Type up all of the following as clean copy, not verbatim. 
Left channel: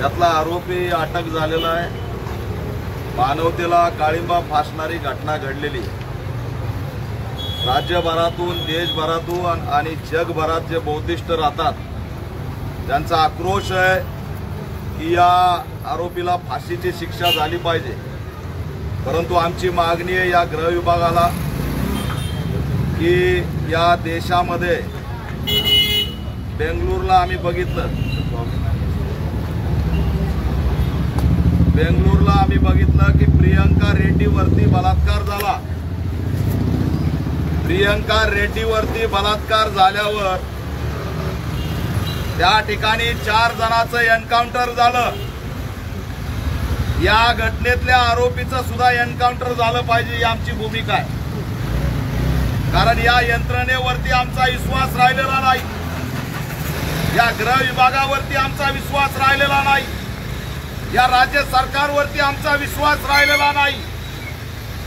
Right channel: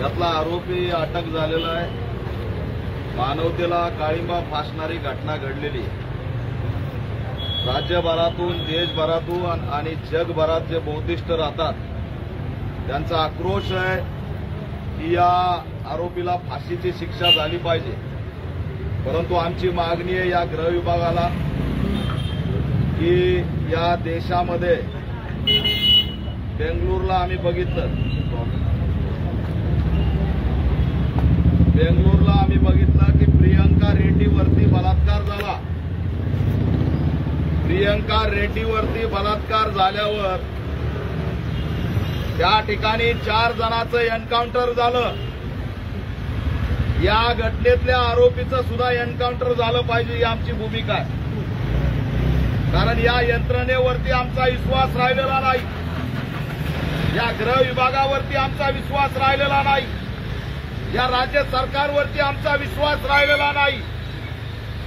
यातला आरोपी अटक झालेला आहे। मानवतेला काळिंबा फासणारी घटना घडलेली। राज्यभरातून, देशभरातून आणि जगभरात जे बौद्धिस्ट राहतात त्यांचा आक्रोश आहे की या आरोपीला फाशीची शिक्षा झाली पाहिजे। परंतु आमची मागणी आहे या गृह विभागाला की या देशामध्ये बेंगळुरूला आम्ही बघितलं, की प्रियंका रेड्डीवरती बलात्कार झाला। प्रियंका रेड्डीवरती बलात्कार झाल्यावर त्या ठिकाणी 4 जणांचं एन्काउंटर झालं। या घटनेतल्या आरोपीचं सुद्धा एन्काउंटर झालं पाहिजे ही आमची भूमिका आहे। कारण या यंत्रणेवरती आमचा विश्वास राहिलेला नाही, या गृह विभागावरती आमचा विश्वास राहिलेला नाही, या राज्य सरकारवरती आमचा विश्वास राहिलेला नाही।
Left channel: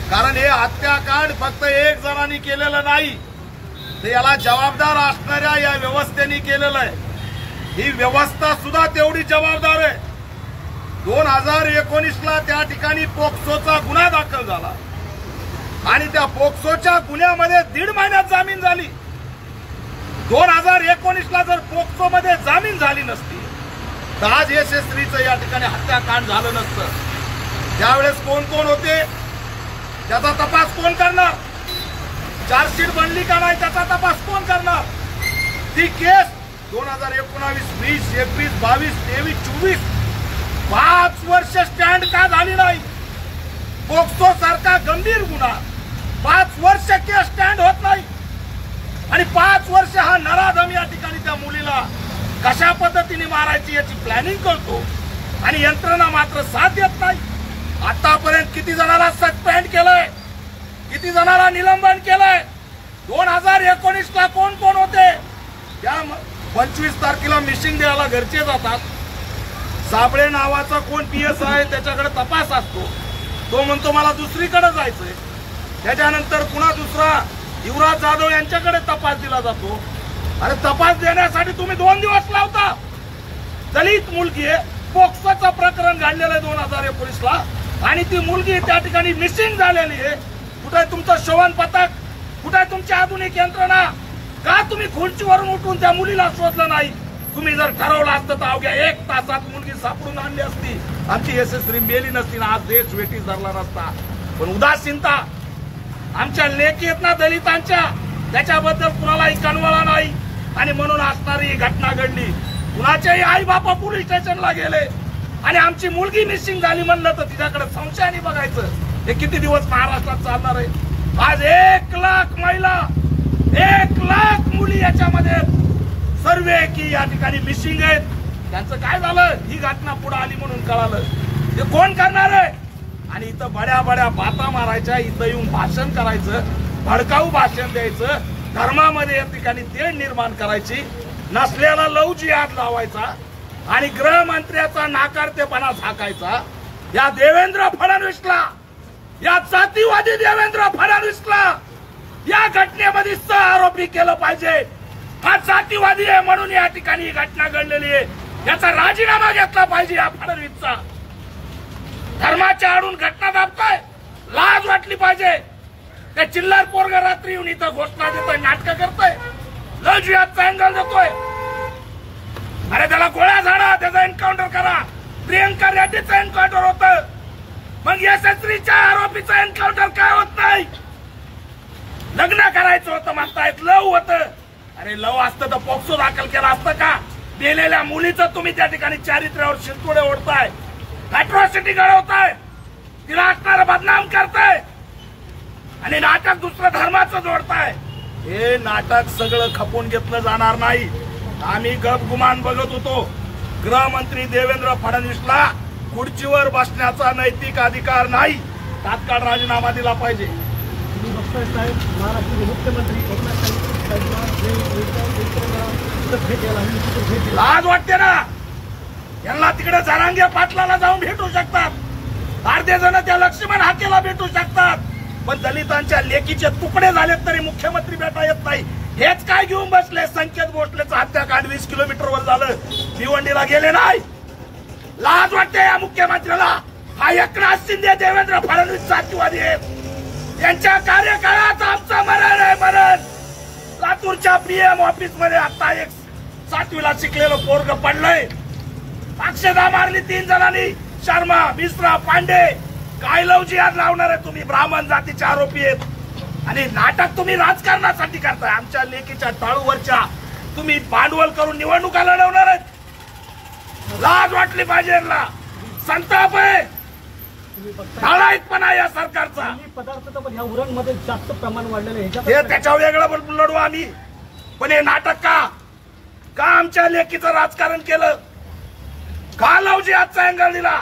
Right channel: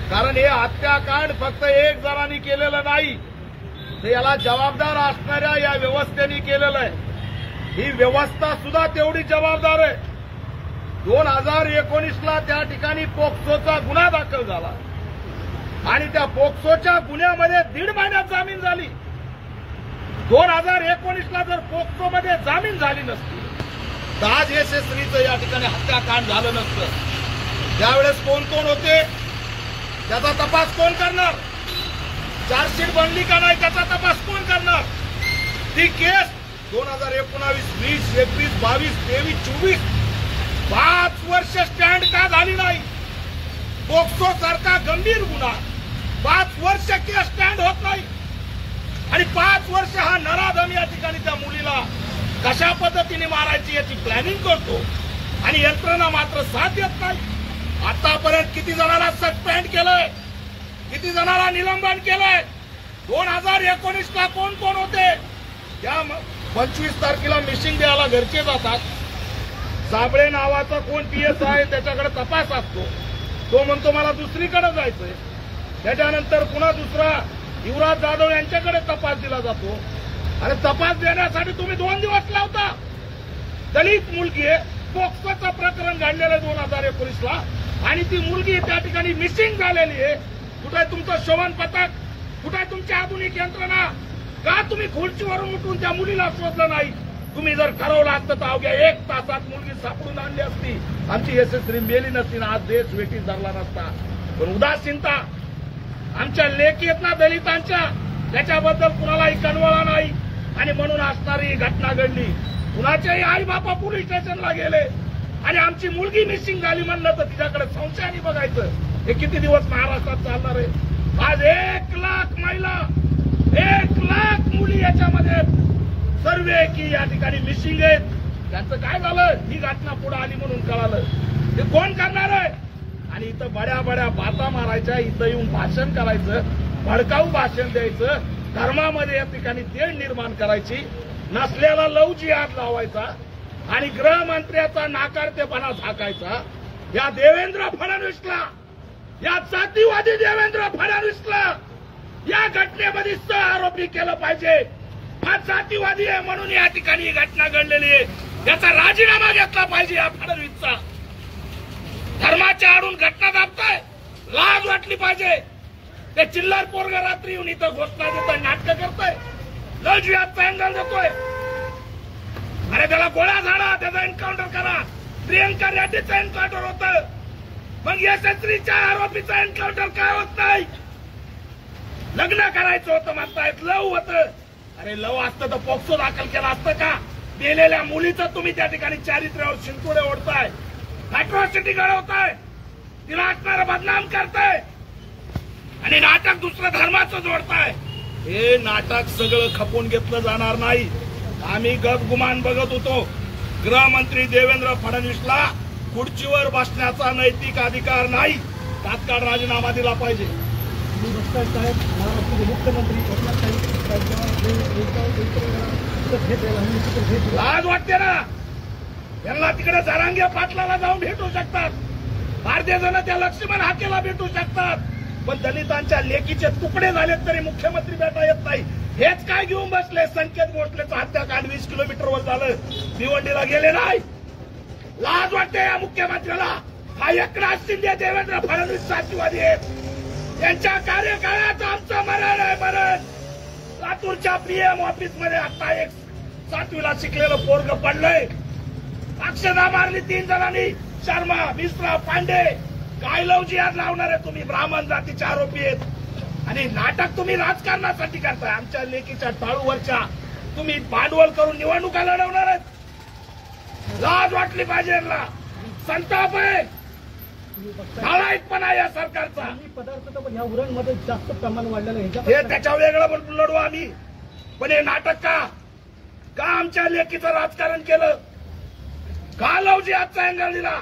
कारण हे हत्याकांड फक्त एक जणांनी केलेलं नाही, तर याला जबाबदार असणाऱ्या या व्यवस्थेने केलेलं आहे। ही व्यवस्था सुद्धा तेवढी जबाबदार आहे। 2019ला त्या ठिकाणी पोक्सोचा गुन्हा दाखल झाला आणि त्या पोक्सोच्या गुन्ह्यामध्ये 1.5 महिन्यात जामीन झाली। 2019ला जर पोक्सोमध्ये जामीन झाली नसती तर आज यशस्वीचं या ठिकाणी हत्याकांड झालं नसतं। त्यावेळेस कोण कोण होते त्याचा तपास कोण करणार? चार्जशीट बनली का नाही त्याचा तपास कोण करणार? ती केस 2019, 20, 21, 22, 23, 24 5 वर्ष स्टँड का झाली नाही? पोक्सो सारखा गंभीर गुन्हा 5 वर्ष केस स्टँड होत नाही आणि 5 वर्ष हा नराधम या ठिकाणी त्या मुलीला कशा पद्धतीने मारायची याची प्लॅनिंग करतो आणि यंत्रणा मात्र साथ देत नाही। आतापर्यंत किती जणांना सस्पेंड केलंय, किती जणांना निलंबन केलंय? 2019ला कोण कोण होते? या 25 तारखेला मिसिंग द्यायला घरचे जातात। साबळे नावाचा कोण पीएस आहे त्याच्याकडे तपास असतो, तो म्हणतो मला दुसरीकडे जायचंय। त्याच्यानंतर पुन्हा दुसरा युवराज जाधव यांच्याकडे तपास दिला जातो। अरे तपास देण्यासाठी तुम्ही 2 दिवस लावता। दलित मुलगी आहे, पोक्सोचं प्रकरण घडलेलं आहे 2019ला आणि ती मुलगी त्या ठिकाणी मिसिंग झालेली आहे। कुठे तुमचं शोभन पथक, कुठे तुमची आधुनिक यंत्रणा? का तुम्ही खुर्चीवरून उठून त्या मुलीला शोधलं नाही? तुम्ही जर ठरवलं असतं तर अवघ्या 1 तासात मुलगी सापडून आणली असती, आमची यशस्वी मेली नसती ना, आज देश वेठीस धरला नसता। पण उदासीनता आमच्या लेकी आहेत ना दलितांच्या, त्याच्याबद्दल कुणालाही कणवळा नाही आणि म्हणून असणारी ही घटना घडली। कुणाच्याही आई बापा पोलीस स्टेशनला गेले आणि आमची मुलगी मिसिंग झाली म्हणलं तर तिच्याकडे संशयाने बघायचं। हे किती दिवस महाराष्ट्रात चालणार आहे? आज 1 लाख महिला, 1 लाख मुली याच्यामध्ये सर्वे की या ठिकाणी मिसिंग आहेत। त्यांचं काय झालं? ही घटना पुढे आली म्हणून कळालं। हे कोण करणार आहे? आणि इथं बड्या बाता मारायच्या, इथं येऊन भाषण करायचं, भडकाऊ भाषण द्यायचं, धर्मामध्ये या ठिकाणी तेढ निर्माण करायची, नसल्याला लव जिहाद लावायचा आणि गृहमंत्र्याचा नाकारतेपणा झाकायचा। या देवेंद्र फडणवीसला, या जातीवादी देवेंद्र फडणवीसला या घटनेमध्ये सहआरोपी केलं पाहिजे। हा जातीवादी आहे म्हणून या ठिकाणी ही घटना घडलेली आहे। याचा राजीनामा घेतला पाहिजे या फडणवीसचा। धर्माच्या आडून घटना दाबताय, लाज वाटली पाहिजे। ते चिल्लर पोरग रात्री येऊन इथं घोषणा देतोय, नाटक करतोय, लव जिहादचा अँगल देतोय। अरे त्याला गोळ्या झाडा, त्याचा एन्काउंटर करा। प्रियंका रेड्डीचं एन्काउंटर होतं, मग यशस्वीच्या आरोपीचं एन्काउंटर काय होत नाही? लग्न करायचं होतं म्हणतायत, लव होतं। अरे लव असतं तर पोक्सो दाखल केला असतं का? गेलेल्या मुलीचं तुम्ही त्या ठिकाणी चारित्र्यावर शिंतोडे ओढताय, अॅट्रॉसिटी घडवताय, तिला असणारा बदनाम करताय आणि नाटक दुसरं धर्माचं जोडताय। हे नाटक सगळं खपून घेतलं जाणार नाही। आम्ही गपगुमान बघत होतो। गृहमंत्री देवेंद्र फडणवीसला खुर्चीवर बसण्याचा नैतिक अधिकार नाही, तात्काळ राजीनामा दिला पाहिजे। महाराष्ट्राचे मुख्यमंत्री लाज वाटते ना? यांना तिकडे जरांगे पाटलाला जाऊन भेटू शकतात, अर्धे जण त्या लक्ष्मण हाकेला भेटू शकतात, पण दलितांच्या लेकीचे तुकडे झालेत तरी मुख्यमंत्री भेटा येत नाही। हेच काय घेऊन बसले? संकेत भोसलेचं हत्याकांड 20 किलोमीटरवर झालं, भिवंडीला गेले नाही। लाज वाटते या मुख्यमंत्र्याला? हा एकनाथ शिंदे देवेंद्र फडणवीस जातीवादी आहेत. यांच्या कार्यकाळात आमचं मरण आहे, मरण. लातूरच्या पीएम ऑफिस मध्ये आता एक 7वीला शिकलेलं पोरग पडलंय. अक्षदा मारली 3 जणांनी. शर्मा, मिश्रा, पांडे. काय लवजी आज लावणार आहे तुम्ही? ब्राह्मण जातीचे आरोपी आहेत आणि नाटक तुम्ही राजकारणासाठी करताय. आमच्या लेकीच्या टाळूवरच्या तुम्ही भांडवल करून निवडणुका लढवणार आहेत. लाज वाटली पाहिजे. संताप आहे, नालायकपणा या सरकारचा. पदार्थ पण ह्या उरणमध्ये जास्त प्रमाण वाढलेलं आहे. हे त्याच्या वेगळं लढू आम्ही, पण हे नाटक का आमच्या लेकीचं राजकारण केलं? का लवजी आजचा अँगल दिला?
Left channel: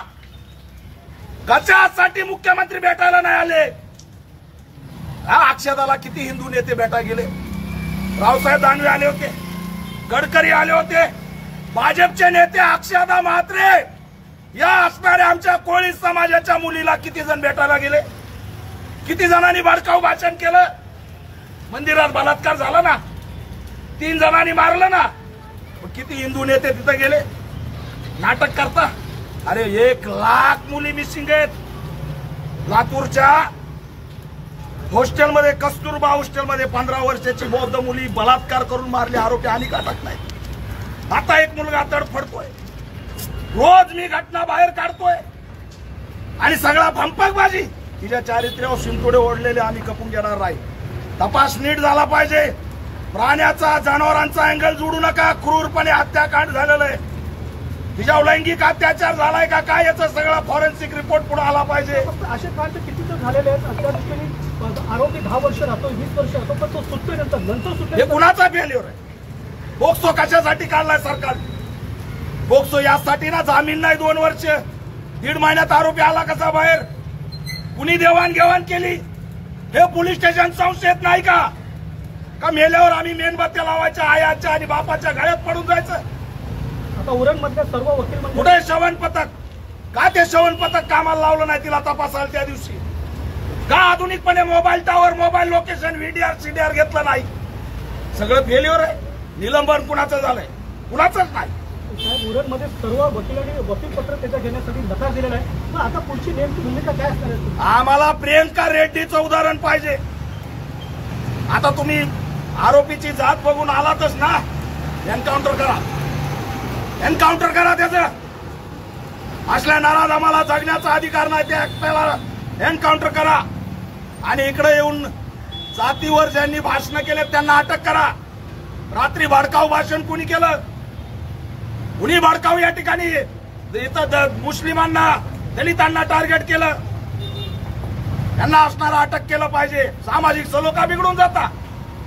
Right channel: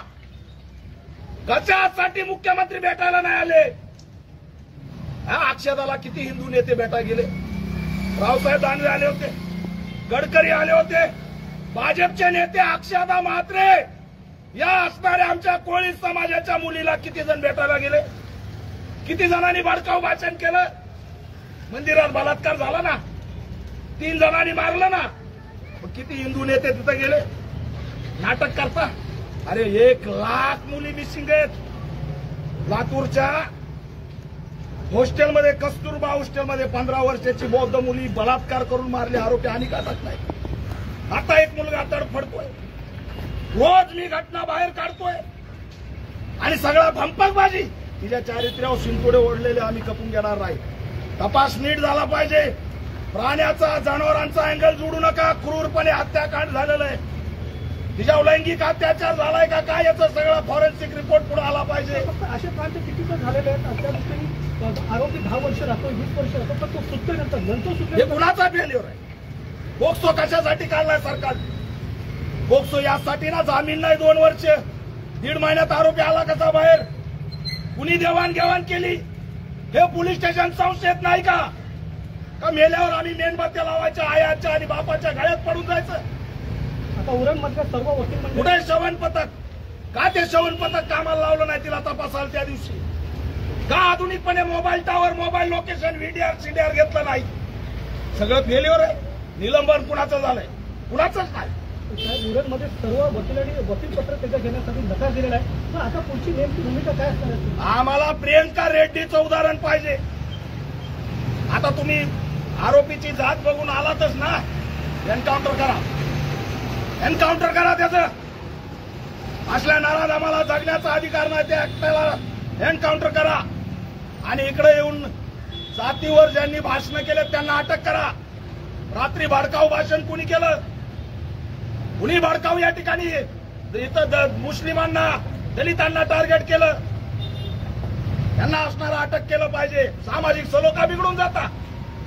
कशासाठी मुख्यमंत्री भेटायला नाही आले? हा अक्षदाला किती हिंदू नेते भेटा गेले? रावसाहेब दानवे आले होते, गडकरी आले होते, भाजपचे नेते अक्षदा म्हात्रे या असणाऱ्या आमच्या कोळी समाजाच्या मुलीला किती जण भेटायला गेले? किती जणांनी भडकाऊ भाषण केलं? मंदिरात बलात्कार झाला ना, 3 जणांनी मारलं ना. किती हिंदू नेते तिथे गेले? नाटक करता. अरे 1 लाख मुली मिसिंग आहेत. लातूरच्या हॉस्टेलमध्ये, कस्तुरबा हॉस्टेलमध्ये 15 वर्षाची बौद्ध मुली बलात्कार करून मारले आरोपी आणि अटक नाही. आता एक मुलगा तडफडतोय. रोज मी घटना बाहेर काढतोय आणि सगळा भंपकबाजी. तिच्या चारित्र्यावर शिंतोडे ओढलेले आम्ही कपून घेणार नाही. तपास नीट झाला पाहिजे. प्राण्याचा, जनावरांचा अँगल जोडू नका. क्रूरपणे हत्याकांड झालेलं आहे. तिच्यावर लैंगिक अत्याचार झालाय का काय याचा सगळा फॉरेन्सिक रिपोर्ट पुढे आला पाहिजे. असे कांड किती तर झालेले आहेत. अशा दृष्टीने आरोपी 10 वर्ष राहतो, 20 वर्ष राहतो, पण तो सुटतोय नंतर सुटतो. हे कुणाचा फेल्युअर आहे? पोक्सो कशासाठी काढलाय सरकार? पोक्सो यासाठी ना, जामीन नाही 2 वर्ष. 1.5 महिन्यात आरोपी आला कसा बाहेर? कुणी देवाणघेवाण केली? हे पोलीस स्टेशन संशयित नाही का? मेल्यावर आम्ही मेणबत्त्या लावायच्या आयाच्या आणि बापाच्या गळ्यात पडून जायचं? आता उरणमधल्या सर्व वकील म्हणजे कुठे श्रवण पथक? का ते श्रवण पथक कामाला लावलं नाही तिला तपासायला त्या दिवशी? का आधुनिकपणे mobile tower, mobile location, VDR CDR घेतलं नाही? सगळं फेल्युअर आहे. निलंबन कुणाचं झालंय? कुणाचंच नाही. साहेब, उरणमध्ये सर्व वकिलांनी वकीलपत्र त्याच्या घेण्यासाठी नकार दिलेला आहे. पण आता पुढची नेमकी भूमिका काय असणार आहे? आम्हाला प्रियंका रेड्डीचं उदाहरण पाहिजे. आता तुम्ही आरोपीची जात बघून आलातच ना, एन्काउंटर करा. एन्काउंटर करा त्याचं. असल्या नाराज आम्हाला जगण्याचा अधिकार नाही, त्या एकट्याला एन्काउंटर करा. आणि इकडे येऊन जातीवर ज्यांनी भाषण केले त्यांना अटक करा. रात्री भडकाऊ भाषण कुणी केलं? कुणी भडकाऊ या ठिकाणी इथं मुस्लिमांना, दलितांना टार्गेट केलं? त्यांना असणारा अटक केलं पाहिजे. सामाजिक सलोखा बिघडून जाता,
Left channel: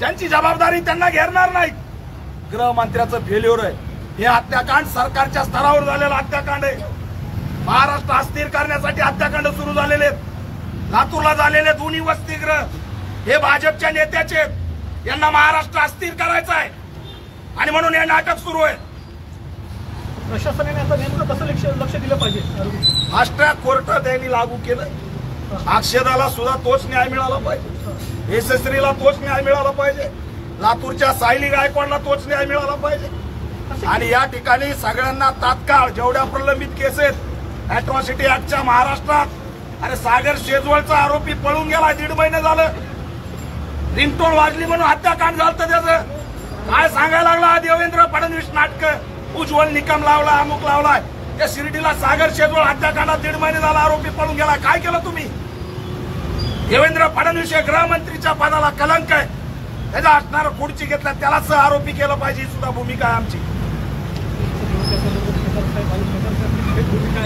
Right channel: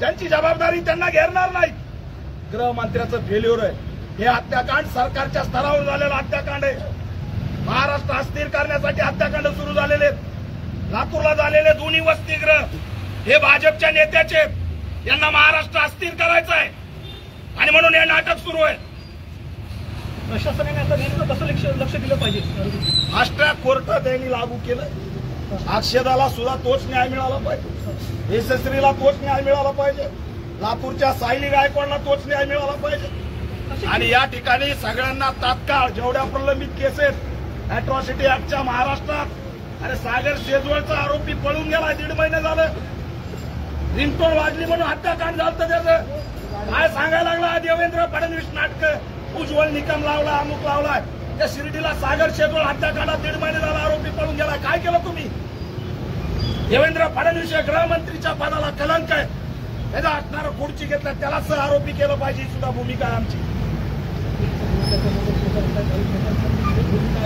त्यांची जबाबदारी त्यांना घेणार नाही. गृहमंत्र्याचं फेल्युअर आहे हे हत्याकांड. सरकारच्या स्तरावर झालेलं हत्याकांड आहे. महाराष्ट्र अस्थिर करण्यासाठी हत्याकांड सुरू झालेले आहेत. लातूरला झालेले दोन्ही वसतिगृह हे भाजपच्या नेत्याचे आहेत. यांना महाराष्ट्र अस्थिर करायचं आहे आणि म्हणून हे नाटक सुरू आहे. प्रशासनाने आता नेमकं कसं लक्ष दिलं पाहिजे? फास्ट ट्रॅक कोर्ट त्यांनी लागू केलं. अक्षदाला सुद्धा तोच न्याय मिळाला पाहिजे. यशस्वीला तोच न्याय मिळाला पाहिजे. लातूरच्या सायली गायकवाडला तोच न्याय मिळाला पाहिजे. आणि या ठिकाणी सगळ्यांना तात्काळ जेवढ्या प्रलंबित केस आहेत अॅट्रॉसिटी ऍक्टच्या महाराष्ट्रात. अरे सागर शेजवळचा आरोपी पळून गेला, 1.5 महिने झालं. रिंगटोन वाजली म्हणून हत्याकांड झालं. त्याचं काय सांगायला लागला देवेंद्र फडणवीस नाटक? उज्ज्वल निकम लावला, अमुक लावलाय. त्या शिर्डीला सागर शेजवळ हत्याकांडात 1.5 महिने झाला आरोपी पळून गेला. काय केलं तुम्ही? देवेंद्र फडणवीस हे गृहमंत्रीच्या पदाला कलंक आहे. त्याचा असणारा खुर्ची घेतला त्यालाच आरोपी केलं पाहिजे, ही सुद्धा भूमिका आहे आमची. भूमिका